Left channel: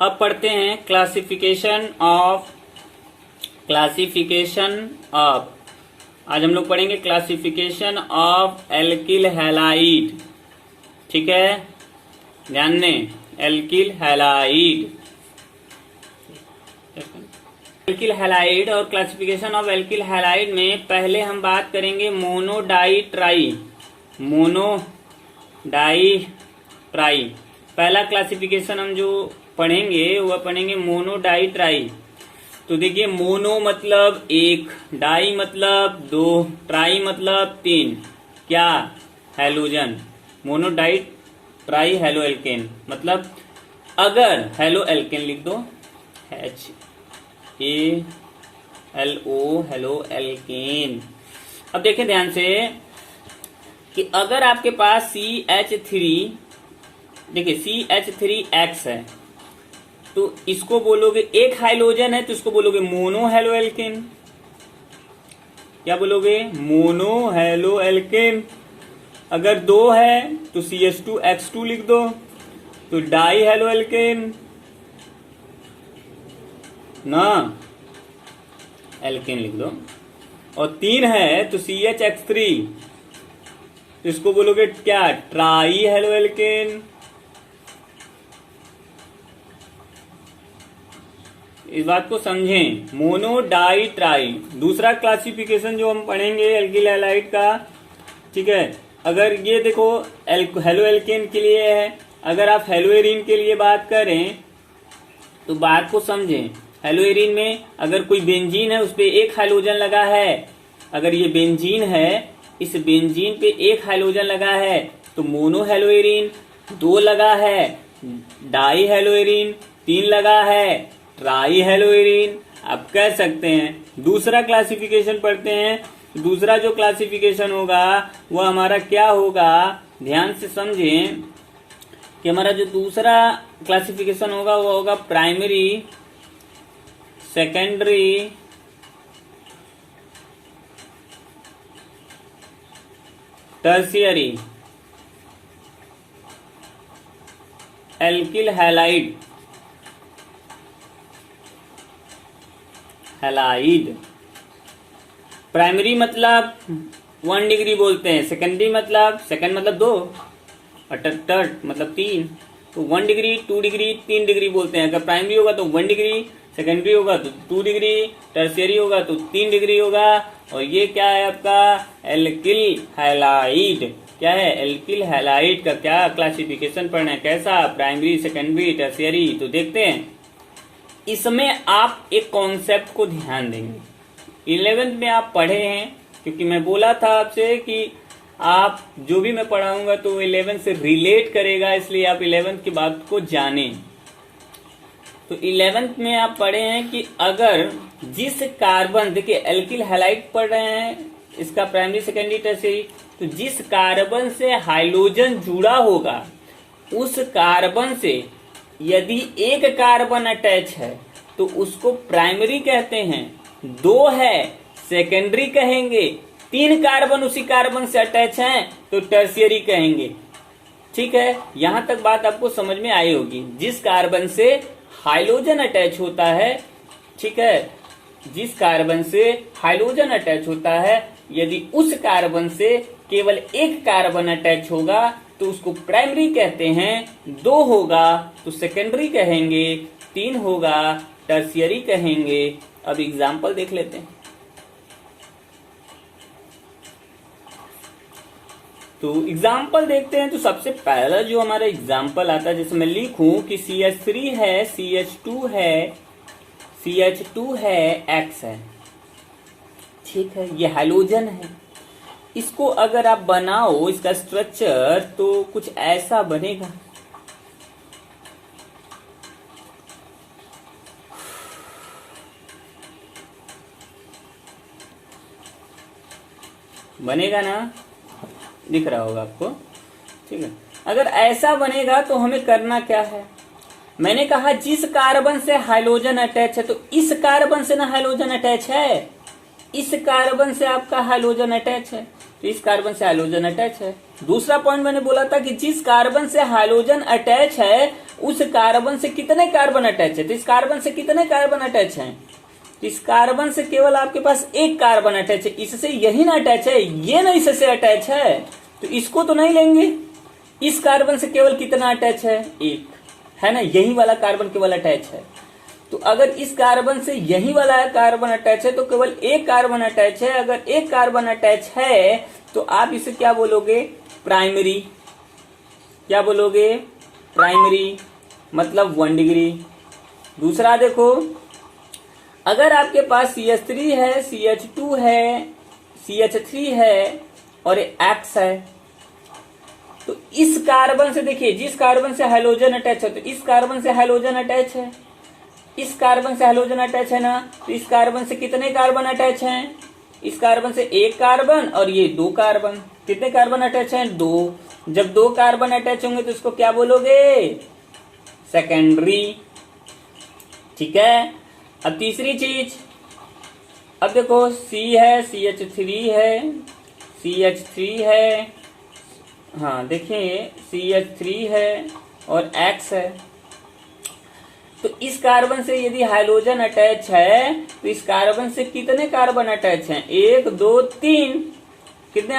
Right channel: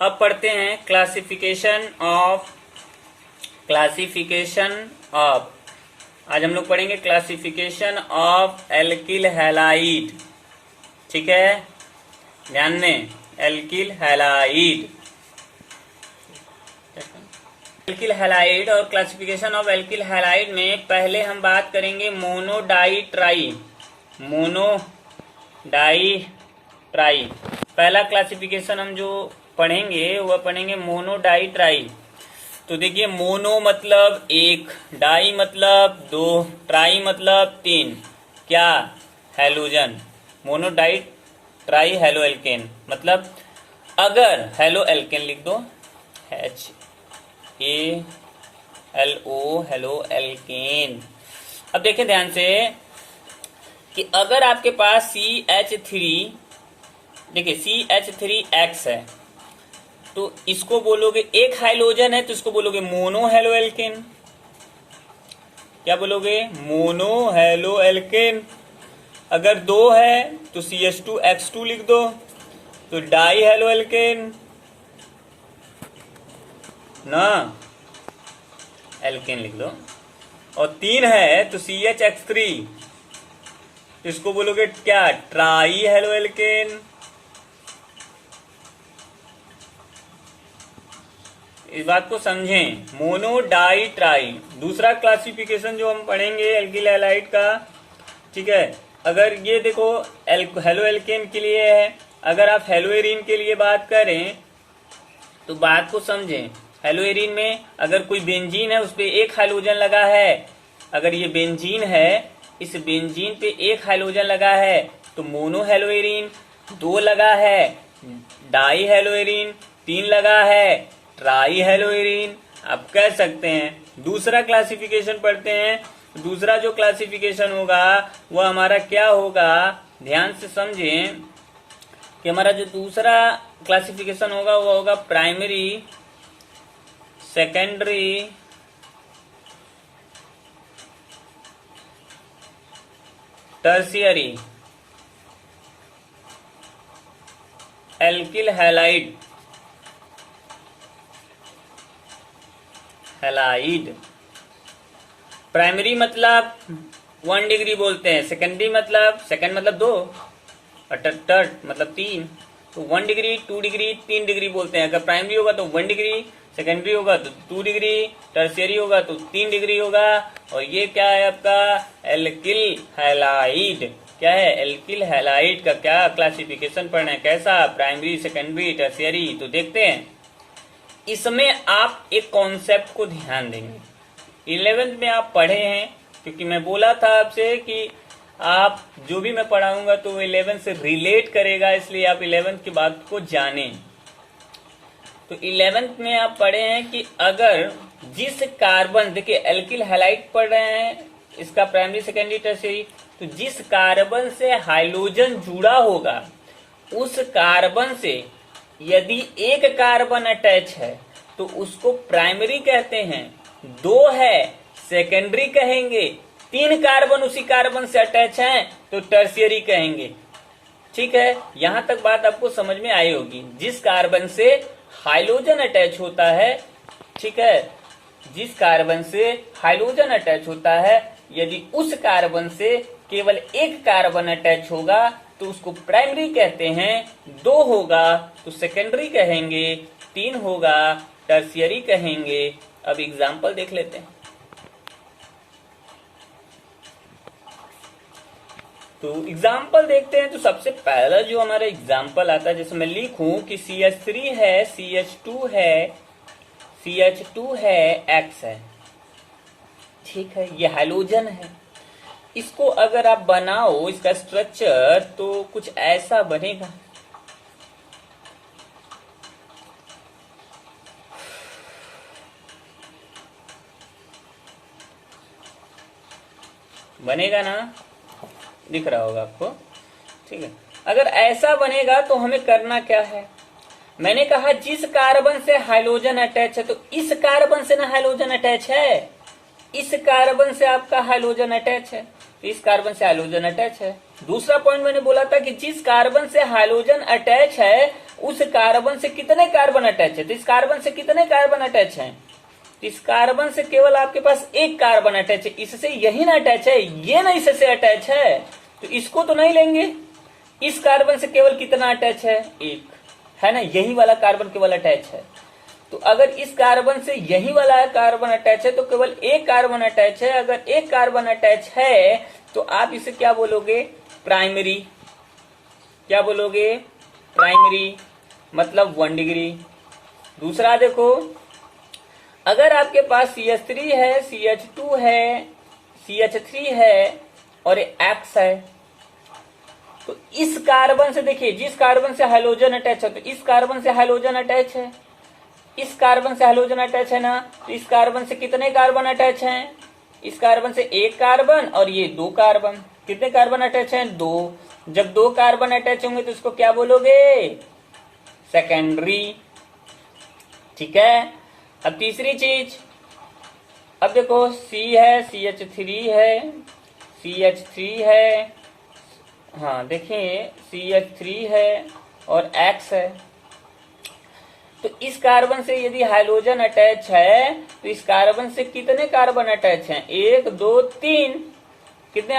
अब पढ़ते हैं क्लासिफिकेशन ऑफ आज हम लोग पढ़ेंगे क्लासिफिकेशन ऑफ एल्किल हैलाइड। ठीक है, ध्यान दें, एल्किल हैलाइड। एल्किल हैलाइड और क्लासिफिकेशन ऑफ एल्किल हैलाइड में पहले हम बात करेंगे मोनो डाई ट्राई। पहला क्लासिफिकेशन हम जो पढ़ेंगे वह पढ़ेंगे मोनो डाई ट्राई। तो देखिए, मोनो मतलब एक, डाई मतलब दो, ट्राई मतलब तीन। क्या? Halogen. Mono di tri halo alkane मतलब अगर हेलो एल्केन लिख दो, HALO हेलो एल्केन। अब देखें ध्यान से कि अगर आपके पास CH3, देखिए CH3X है, तो इसको बोलोगे एक हाइलोजन है तो इसको बोलोगे मोनो हेलो एल्केन। क्या बोलोगे? Mono halo alkane. अगर दो है तो CH2X2 लिख दो, तो डाई हेलो एल्केन ना, एल्केन लिख दो। और तीन है तो CHX3, तो इसको बोलोगे क्या? Try halo alkane. इस बात को समझें, मोनो डाई ट्राई। दूसरा क्लासिफिकेशन जो हम पढ़ेंगे एल्किल हैलाइड का, ठीक है, अगर ये देखो हेलो एल्केन के लिए है, अगर आप हेलोएरिन के लिए बात करें तो बात को समझें। हेलोएरिन में अगर कोई बेंजीन है उस पे एक हाइलोजन लगा है, अगर ये बेंजीन है, इस बेंजीन पे एक हाइलोजन लगा है तो मोनो हेलोएरिन। दो लगा है डाई हेलोएरिन, तीन लगा है ट्राई हेलोएरिन। आप कह सकते हैं। दूसरा क्लासिफिकेशन पढ़ते हैं। दूसरा जो क्लासिफिकेशन होगा वह हमारा क्या होगा, ध्यान से समझें कि हमारा जो दूसरा क्लासिफिकेशन होगा वह होगा primary, secondary, tertiary alkyl halide. Primary मतलब 1 डिग्री बोलते हैं, सेकेंडरी मतलब सेकेंड मतलब 2 और थर्ड मतलब 3, तो 1 डिग्री, 2 डिग्री, 3 डिग्री बोलते हैं। अगर प्राइमरी होगा तो 1 डिग्री, सेकेंडरी होगा तो 2 डिग्री, टर्शियरी होगा तो 3 डिग्री होगा। और ये क्या है आपका? Alkyl halide. क्या है? एल्किल हैलाइड का क्या क्लासिफिकेशन पढ़ना है, कैसा? Primary, secondary, tertiary. तो देखते हैं, इसमें आप एक कॉन्सेप्ट को ध्यान देंगे। 11th में आप पढ़े हैं, क्योंकि मैं बोला था आपसे कि आप जो भी मैं पढ़ाऊंगा तो 11th से रिलेट करेगा, इसलिए आप 11th की बात को जानें। तो 11th में आप पढ़े हैं कि अगर जिस कार्बन, देखिए एल्किल हैलाइड पढ़ रहे हैं, इसका प्राइमरी, सेकेंडरी, टर्शियरी, तो जिस कार्बन से हाइड्रोजन जुड़ा होगा उस कार्बन से यदि एक कार्बन अटैच है तो उसको प्राइमरी कहते हैं, दो है सेकेंडरी कहेंगे, तीन कार्बन उसी कार्बन से अटैच हैं तो टर्शियरी कहेंगे। ठीक है, यहां तक बात आपको समझ में आई होगी। जिस कार्बन से हाइड्रोजन अटैच होता है, ठीक है, जिस कार्बन से हाइड्रोजन अटैच होता है, यदि उस कार्बन से केवल एक कार्बन अटैच होगा तो उसको प्राइमरी कहते हैं, दो होगा तो सेकेंडरी कहेंगे, तीन होगा टर्शियरी कहेंगे। अब एग्जाम्पल देख लेते हैं। तो एग्जाम्पल देखते हैं। तो सबसे पहला जो हमारा एग्जाम्पल आता है, जैसे मैं लिखूं कि CH3 है, CH2 है, X है, ठीक है, ये हैलोजन है। इसको अगर आप बनाओ, इसका स्ट्रक्चर, तो कुछ ऐसा बनेगा। बनेगा ना, दिख रहा होगा आपको, ठीक है। अगर ऐसा बनेगा तो हमें करना क्या है, मैंने कहा जिस कार्बन से हाइड्रोजन अटैच है, तो इस कार्बन से ना हाइड्रोजन अटैच है, इस कार्बन से आपका हाइड्रोजन अटैच है, तो इस कार्बन से हाइड्रोजन अटैच है। दूसरा पॉइंट मैंने बोला था कि जिस कार्बन से हाइड्रोजन अटैच है उस कार्बन से कितने कार्बन अटैच है, तो इस कार्बन से कितने कार्बन अटैच हैं, तो इस कार्बन से केवल आपके पास एक कार्बन अटैच है, इससे यही ना अटैच है, ये ना इससे अटैच है, तो इसको तो नहीं लेंगे। इस कार्बन से केवल कितना अटैच है, एक, है ना, यही वाला कार्बन केवल अटैच है। तो अगर इस कार्बन से यही वाला कार्बन अटैच है तो केवल एक कार्बन अटैच है। अगर एक कार्बन अटैच है तो आप इसे क्या बोलोगे, प्राइमरी। क्या बोलोगे, प्राइमरी, मतलब 1 डिग्री। दूसरा देखो, अगर आपके पास CH3 है, CH2 है, CH3 है और X है, तो इस कार्बन से देखिए, जिस कार्बन से हाइड्रोजन अटैच है, तो इस कार्बन से हाइड्रोजन अटैच है, इस कार्बन से हाइड्रोजन अटैच है ना, तो इस कार्बन से कितने कार्बन अटैच हैं, इस कार्बन से एक कार्बन और ये 2 कार्बन। कितने कार्बन अटैच हैं, 2। जब 2 कार्बन अटैच होंगे तो इसको क्या बोलोगे, सेकेंडरी। ठीक है। अब तीसरी चीज, अब देखो C है, CH3 है, CH3 है, हाँ देखिए CH3 है और X है। तो इस कार्बन से यदि हाइड्रोजन अटैच है तो इस कार्बन से कितने कार्बन अटैच हैं, 1 2 3। कितने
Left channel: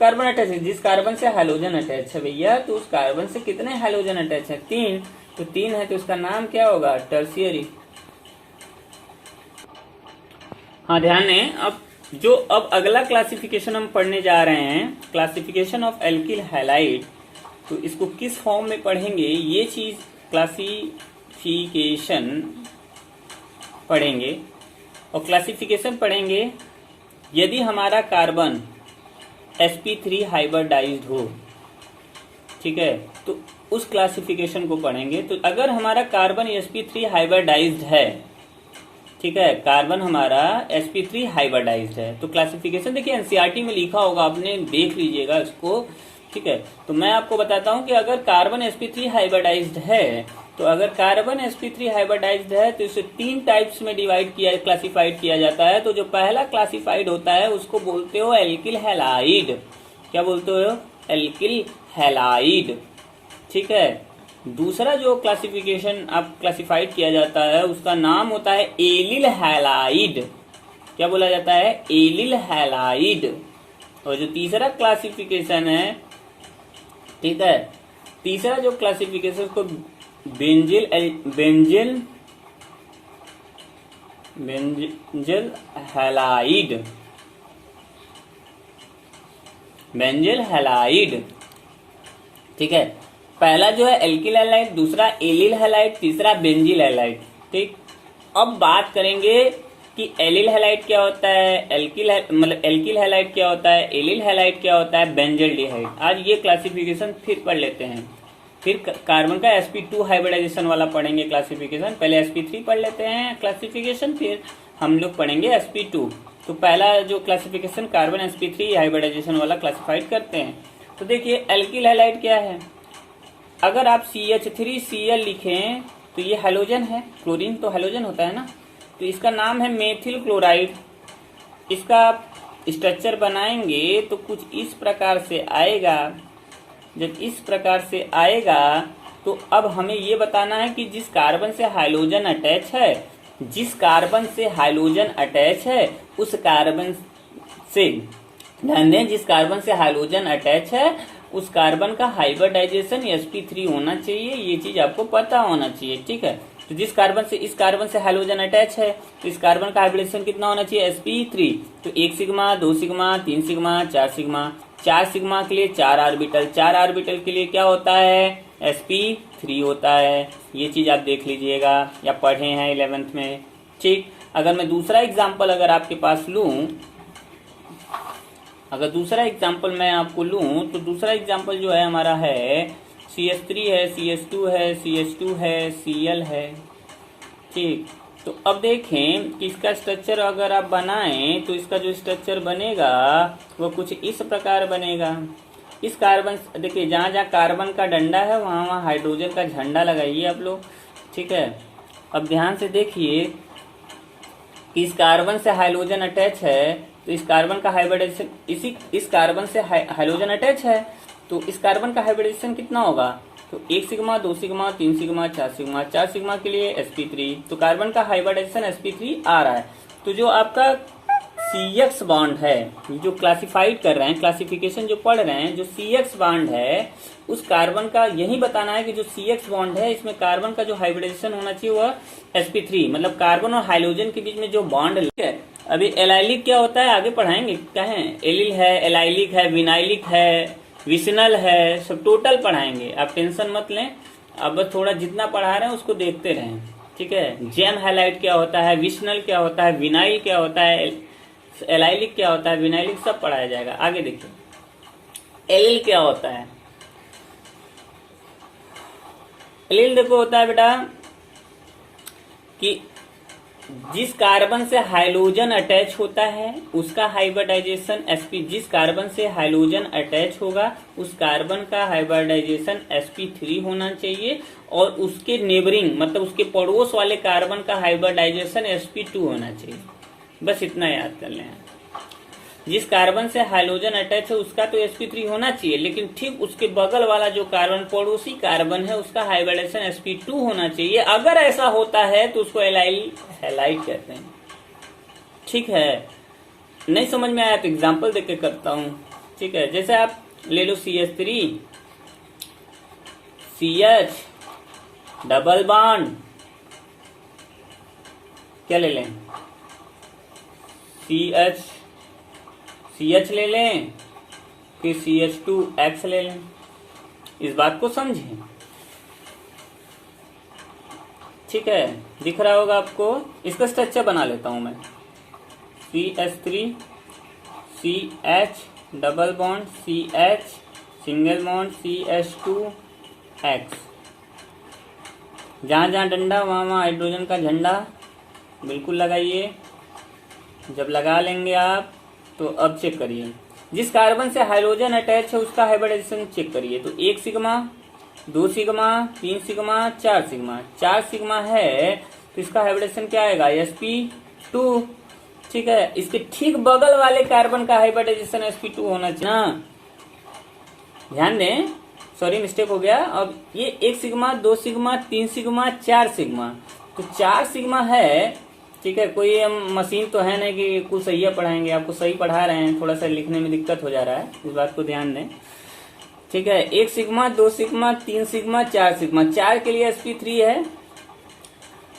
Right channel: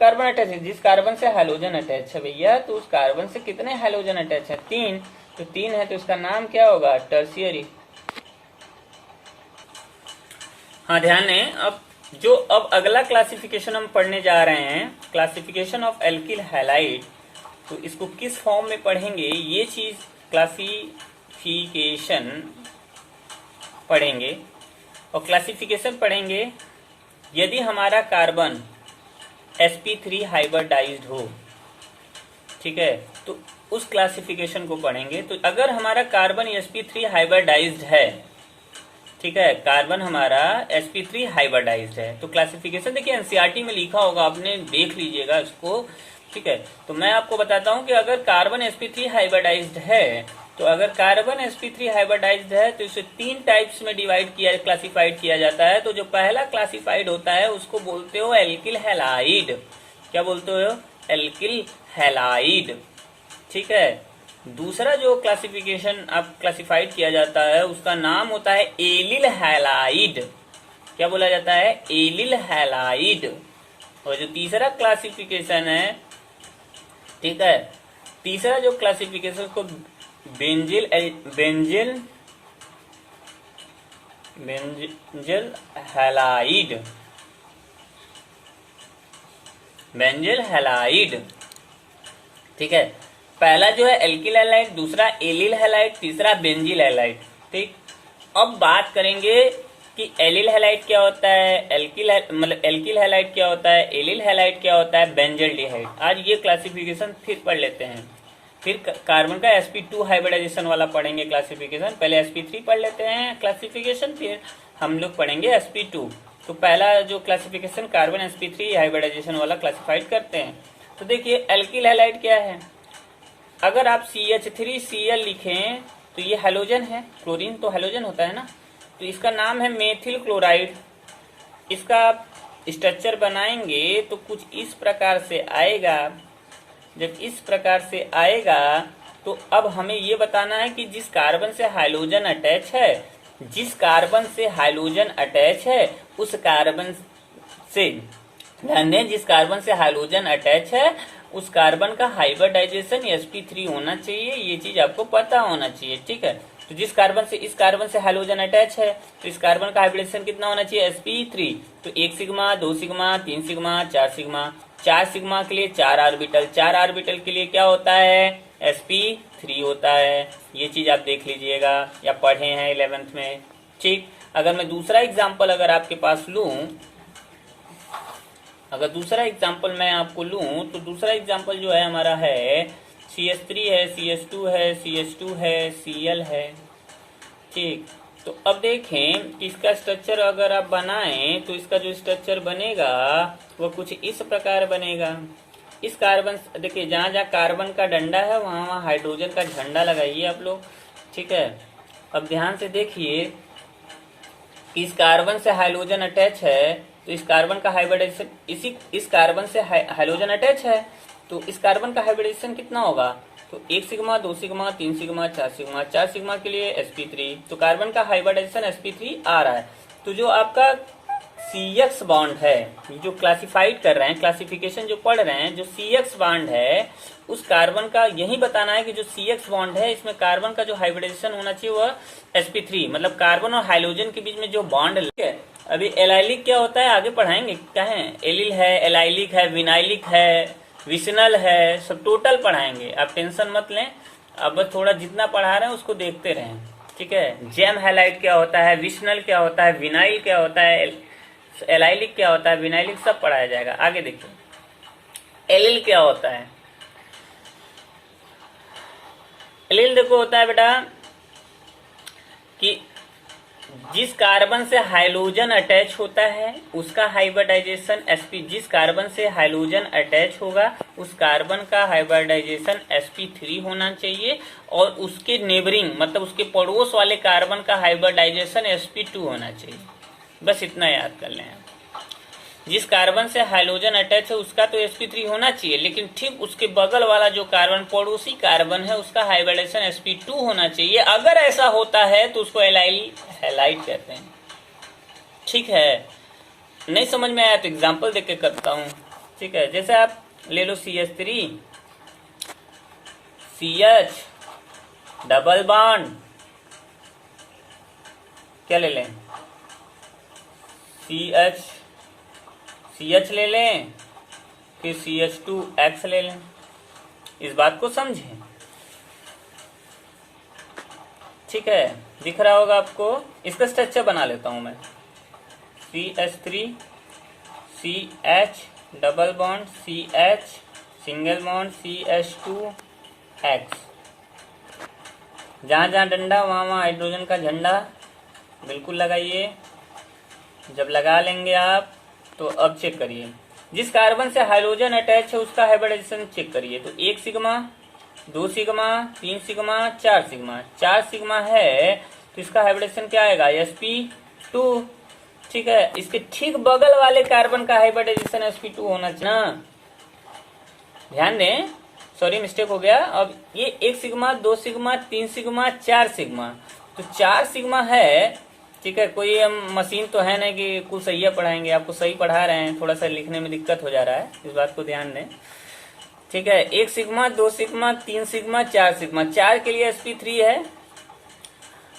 कार्बन अटैच है, जिस कार्बन से हाइड्रोजन अटैच है भैया, तो उस कार्बन से कितने हाइड्रोजन अटैच है, 3। तो 3 है तो इसका नाम क्या होगा, टर्शियरी। हाँ ध्यान दें, अब अगला क्लासिफिकेशन हम पढ़ने जा रहे हैं, क्लासिफिकेशन ऑफ एल्किल हैलाइड। तो इसको किस फॉर्म में पढ़ेंगे, ये चीज क्लासिफिकेशन पढ़ेंगे। और क्लासिफिकेशन पढ़ेंगे यदि हमारा कार्बन sp3 हाइब्रिडाइज्ड हो, ठीक है, तो उस क्लासिफिकेशन को पढ़ेंगे। तो अगर हमारा कार्बन sp3 हाइब्रिडाइज्ड है, ठीक है, कार्बन हमारा sp3 हाइब्रिडाइज्ड है, तो क्लासिफिकेशन देखिए एनसीईआरटी में लिखा होगा, आपने देख लीजिएगा इसको। ठीक है, तो मैं आपको बताता हूं कि अगर कार्बन sp3 हाइब्रिडाइज्ड है, तो अगर कार्बन sp3 हाइब्रिडाइज्ड है तो इसे 3 टाइप्स में क्लासिफाइड किया जाता है। तो जो पहला क्लासिफाइड होता है उसको बोलते हो एल्किल हैलाइड। क्या बोलते हो, एल्किल हैलाइड। ठीक है। दूसरा जो क्लासिफिकेशन आप क्लासिफाइड किया जाता है उसका नाम होता है एलिल हैलाइड। क्या बोला जाता है, एलिल हैलाइड। और जो तीसरा क्लासिफिकेशन है, ठीक है, तीसरा जो क्लासिफिकेशन को बेंजिल हैलाइड, बेंजिल हैलाइड। ठीक है, पहला जो है एल्किल हैलाइड, दूसरा एलिल हैलाइड, तीसरा बेंजिल हैलाइड। ठीक, अब बात करेंगे कि एलिल हैलाइड क्या होता है, एल्किल हैलाइड क्या होता है, एलिल हैलाइड क्या होता है, बेंजल्डिहाइड। आज ये क्लासिफिकेशन फिर पढ़ लेते हैं। फिर कार्बन का sp2 हाइब्रिडाइजेशन वाला पढ़ेंगे क्लासिफिकेशन। पहले sp3 पढ़ लेते हैं क्लासिफिकेशन, फिर हम लोग पढ़ेंगे sp2। तो पहला जो क्लासिफिकेशन कार्बन sp3 हाइब्रिडाइजेशन वाला क्लासिफाइड करते हैं। तो देखिए एल्किल हैलाइड क्या है, अगर आप CH3Cl लिखें तो ये हैलोजन है, क्लोरीन तो हैलोजन होता है ना, तो इसका नाम है मेथिल क्लोराइड। इसका आप स्ट्रक्चर बनाएंगे तो कुछ इस प्रकार से आएगा। जब इस प्रकार से आएगा तो अब हमें ये बताना है कि जिस कार्बन से हाइड्रोजन अटैच है, जिस कार्बन से हाइड्रोजन अटैच है उस कार्बन से, जिस कार्बन से हाइड्रोजन अटैच है उस कार्बन का हाइब्रिडाइजेशन sp3 होना चाहिए। ये चीज आपको पता होना चाहिए। ठीक है, तो जिस कार्बन से इस कार्बन से हाइड्रोजन अटैच है तो इस कार्बन का हाइब्रिडाइजेशन कितना होना चाहिए, sp3। तो 1 sigma, 2 sigma, 3 sigma, 4 sigma. 4 sigma के लिए 4 ऑर्बिटल, 4 ऑर्बिटल के लिए क्या होता है, sp3 होता है। ये चीज आप देख लीजिएगा या पढ़े हैं 11th में। ठीक, अगर मैं दूसरा एग्जाम्पल अगर आपके पास लूं, अगर दूसरा एग्जाम्पल मैं आपको लूं तो दूसरा एग्जाम्पल जो है हमारा है CH3 है, CH2 है, CH2 है, Cl है। ठीक, तो अब देखें कि इसका स्ट्रक्चर अगर आप बनाएं तो इसका जो स्ट्रक्चर बनेगा वो कुछ इस प्रकार बनेगा। इस कार्बन, देखिए जहां जहां कार्बन का डंडा है वहां वहां हाइड्रोजन का झंडा लगाइए आप लोग। ठीक है, अब ध्यान से देखिए, कि इस कार्बन से हाइड्रोजन अटैच है, तो इस कार्बन का हाइब्रिडाइजेशन इस कार्बन से हाइड्रोजन अटैच है, तो इस कार्बन का हाइब्रिडाइजेशन कितना होगा? तो 1 sigma, 2 sigma, 3 sigma, 4 sigma. 4 sigma के लिए sp3, तो कार्बन का हाइब्रिडाइजेशन sp3 आ रहा है। तो जो आपका CX बॉन्ड है, जो क्लासिफाइड कर रहे हैं, क्लासिफिकेशन जो पढ़ रहे हैं, जो CX बॉन्ड है उस कार्बन का यही बताना है कि जो CX बॉन्ड है इसमें कार्बन का जो हाइब्रिडाइजेशन होना चाहिए वह sp3, मतलब कार्बन और हाइड्रोजन के बीच में जो बॉन्ड है। अभी एलाइलिक क्या होता है आगे पढ़ाएंगे, क्या है? एलिल है, एलाइलिक है, विनाइलिक है, विसिनल है, सब टोटल पढ़ाएंगे, आप टेंशन मत लें। अब बस थोड़ा जितना पढ़ा रहे हैं उसको देखते रहें, ठीक है? जेम हैलाइड क्या होता है, विसिनल क्या होता है, विनाइल क्या होता है, एलाइलिक क्या होता है, विनाइलिक, सब पढ़ाया जाएगा। आगे देखिए एलिल क्या होता है। एलिल देखो होता है बेटा कि जिस कार्बन से हाइड्रोजन अटैच होता है उसका हाइब्रिडाइजेशन sp, जिस कार्बन से हाइड्रोजन अटैच होगा उस कार्बन का हाइब्रिडाइजेशन sp3 होना चाहिए, और उसके नेबरिंग मतलब उसके पड़ोस वाले कार्बन का हाइब्रिडाइजेशन sp2 होना चाहिए। बस इतना याद कर लें। जिस कार्बन से हाइड्रोजन अटैच है उसका तो sp3 होना चाहिए, लेकिन ठीक उसके बगल वाला जो कार्बन पड़ोसी कार्बन है उसका हाइब्रिडाइजेशन sp2 होना चाहिए। अगर ऐसा होता है तो उसको एलाइल हैलाइड कहते हैं, ठीक है? नहीं समझ में आया तो एग्जांपल देके करता हूं, ठीक है? जैसे आप ले लो CH3, CH डबल बॉन्ड, क्या ले लें? CH ले लें, फिर CH2X ले लें। इस बात को समझें, ठीक है? दिख रहा होगा आपको। इसका स्ट्रक्चर बना लेता हूं मैं। CH3, CH double bond, CH single bond, CH2X। जहां जहां डंडा वहां वहां हाइड्रोजन का झंडा बिल्कुल लगाइए। जब लगा लेंगे आप तो अब चेक करिए, जिस कार्बन से हाइड्रोजन अटैच है उसका हाइब्रिडाइजेशन चेक करिए। तो 1 sigma, 2 sigma, 3 sigma, 4 sigma. 4 sigma है तो इसका हाइब्रिडेशन क्या आएगा? sp2, ठीक है? इसके ठीक बगल वाले कार्बन का हाइब्रिडाइजेशन sp2 होना चाहिए ना। ध्यान दें, सॉरी मिस्टेक हो गया। अब ये 1 सिग्मा, 2 सिग्मा, 3 सिग्मा, 4 सिग्मा, तो 4 सिग्मा है, ठीक है? कोई हम मशीन तो है नहीं कि कुछ सही पढ़ाएंगे, आपको सही पढ़ा रहे हैं, थोड़ा सा लिखने में दिक्कत हो जा रहा है, इस बात को ध्यान दें, ठीक है? 1 सिग्मा, 2 सिग्मा, 3 सिग्मा, 4 सिग्मा। 4 के लिए sp3 है।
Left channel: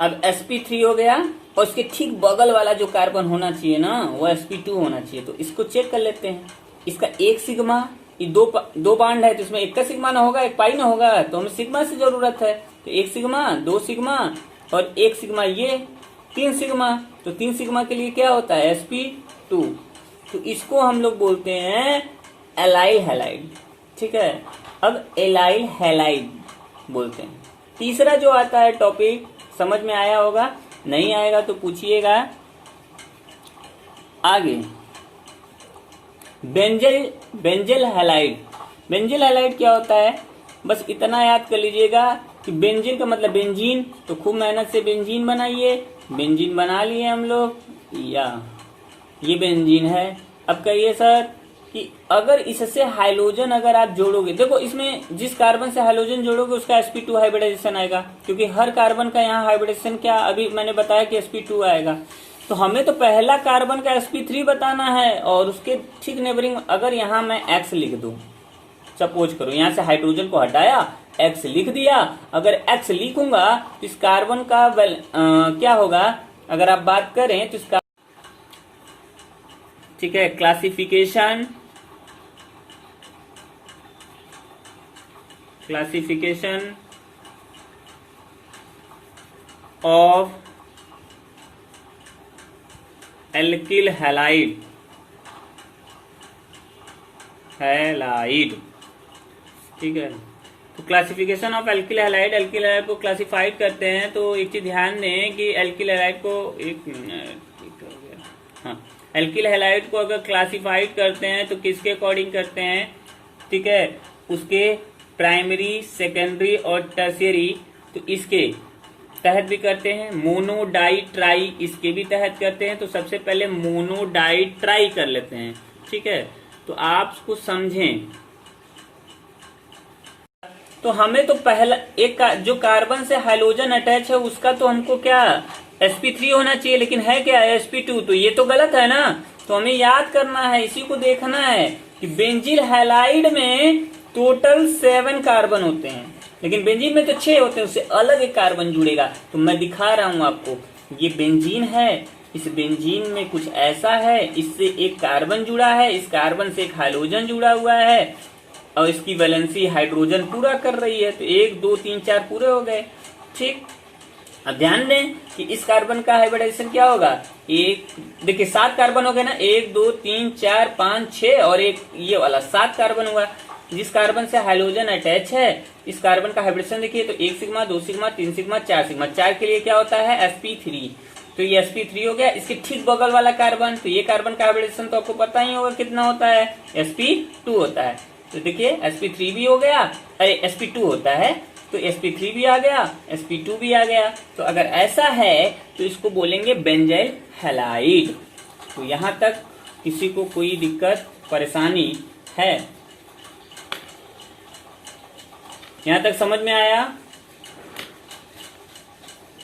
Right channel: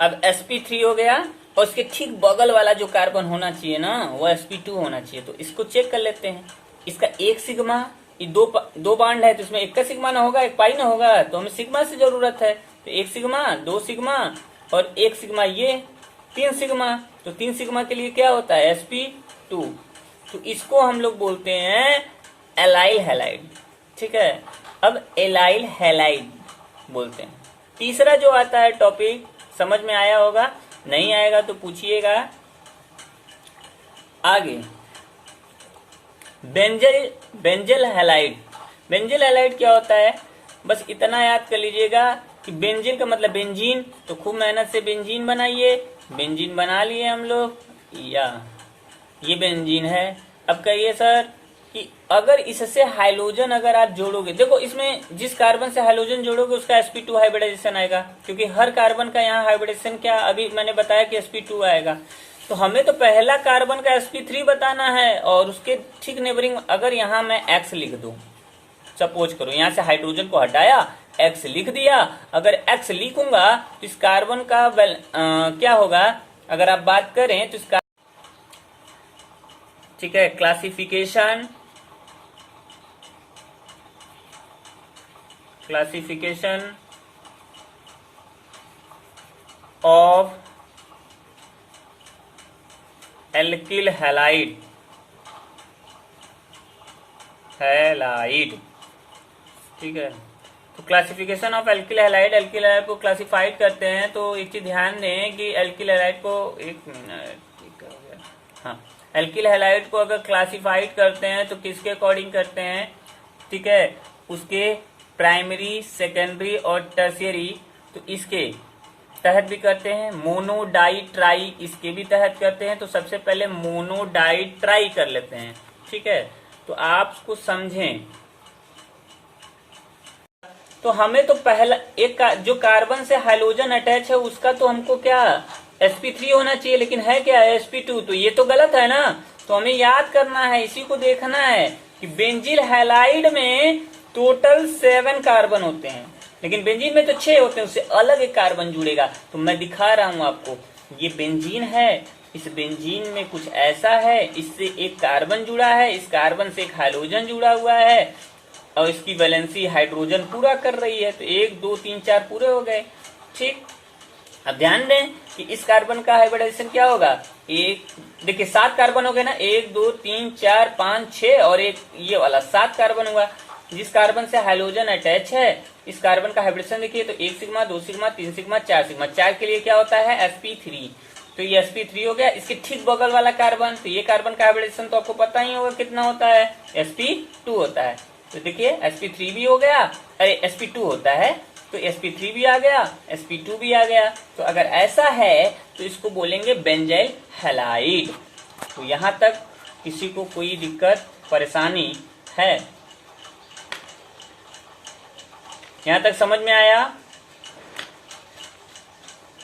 अब sp3 हो गया और इसके ठीक बगल वाला जो कार्बन होना चाहिए ना वो sp2 होना चाहिए। तो इसको चेक कर लेते हैं। इसका 1 सिग्मा, ये दो बॉन्ड है तो इसमें एक का सिग्मा ना होगा, एक पाई ना होगा, तो हमें सिग्मा से जरूरत है। तो 1 सिग्मा, 2 सिग्मा और 1 सिग्मा, ये 3 सिग्मा। तो 3 सिग्मा के लिए क्या होता है? sp2। तो इसको हम लोग बोलते हैं एलाइल हैलाइड, ठीक है? अब एलाइल हैलाइड बोलते हैं। तीसरा जो आता है टॉपिक, समझ में आया होगा, नहीं आएगा तो पूछिएगा। आगे बेंजल हैलाइड। बेंजल हैलाइड क्या होता है? बस इतना याद कर लीजिएगा कि बेंजीन का मतलब बेंजीन, तो खूब मेहनत से बेंजीन बनाइए। बेंजीन बना लिए हम लोग, या ये बेंजीन है। अब कहिए सर कि अगर इससे हाइड्रोजन अगर आप जोड़ोगे, देखो इसमें जिस कार्बन से हाइड्रोजन जोड़ोगे उसका sp2 हाइब्रिडाइजेशन आएगा, क्योंकि हर कार्बन का यहाँ हाइब्रिडाइजेशन क्या, अभी मैंने बताया कि sp2 आएगा। तो हमें तो पहला कार्बन का sp3 बताना है, और उसके ठीक नेबरिंग अगर यहाँ मैं x लिख दूं, सपोज करो यहाँ से हाइड्रोजन को हटाया, x लिख दिया। अगर x लिखूंगा तो इस कार्बन का क्या होगा, अगर आप बात करें तो इसका, ठीक है, क्लासिफिकेशन ऑफ एल्किल हैलाइड, ठीक है? तो क्लासिफिकेशन ऑफ एल्किल हैलाइड को क्लासिफाइड करते हैं। तो एक चीज ध्यान दें कि एल्किल हैलाइड को, एक मिनट, ठीक हो गया, हाँ, एल्किल हैलाइड को अगर क्लासिफाइड करते हैं तो किसके अकॉर्डिंग करते हैं, ठीक है? उसके प्राइमरी, सेकेंडरी और टर्शियरी। तो इसके तहत भी करते हैं, मोनो डाई ट्राई इसके भी तहत करते हैं। तो सबसे पहले मोनो डाई ट्राई कर लेते हैं, ठीक है। तो आप उसको समझें। तो हमें तो पहला एक जो कार्बन से हाइड्रोजन अटैच है उसका तो हमको क्या sp3 होना चाहिए, लेकिन है क्या sp2, तो ये तो गलत है ना। तो हमें याद करना है, इसी को देखना है कि बेंजील हैलाइड में टोटल 7 कार्बन होते हैं, लेकिन बेंजीन में तो 6 होते हैं, उससे अलग एक कार्बन जुड़ेगा। तो मैं दिखा रहा हूं आपको, ये बेंजीन है, इस बेंजीन में कुछ ऐसा है, इससे एक कार्बन जुड़ा है, इस कार्बन से एक हाइड्रोजन जुड़ा हुआ है और इसकी वैलेंसी हाइड्रोजन पूरा कर रही है। तो 1 2 3 4 पूरे हो गए, ठीक। अब ध्यान दें कि इस कार्बन का हाइब्रिडाइजेशन क्या होगा, एक देखिए 7 कार्बन हो गए ना, 1 2 3 4 5 6 और एक ये वाला 7 कार्बन हुआ। जिस कार्बन से हाइड्रोजन अटैच है इस कार्बन का हाइब्रिडेशन देखिए, तो 1 सिग्मा 2 सिग्मा 3 सिग्मा 4 सिग्मा, 4 के लिए क्या होता है sp3। तो ये sp3 हो गया। इसके ठीक बगल वाला कार्बन, तो ये कार्बन का हाइब्रिडेशन तो आपको पता ही होगा कितना होता है, sp2 होता है। तो देखिए sp3 भी हो गया, अरे sp2 होता है, तो sp3 भी आ गया, sp2 भी आ गया। तो अगर ऐसा है तो इसको बोलेंगे बेंजाइल हैलाइड। तो यहां तक किसी को कोई दिक्कत परेशानी है? यहां तक समझ में आया?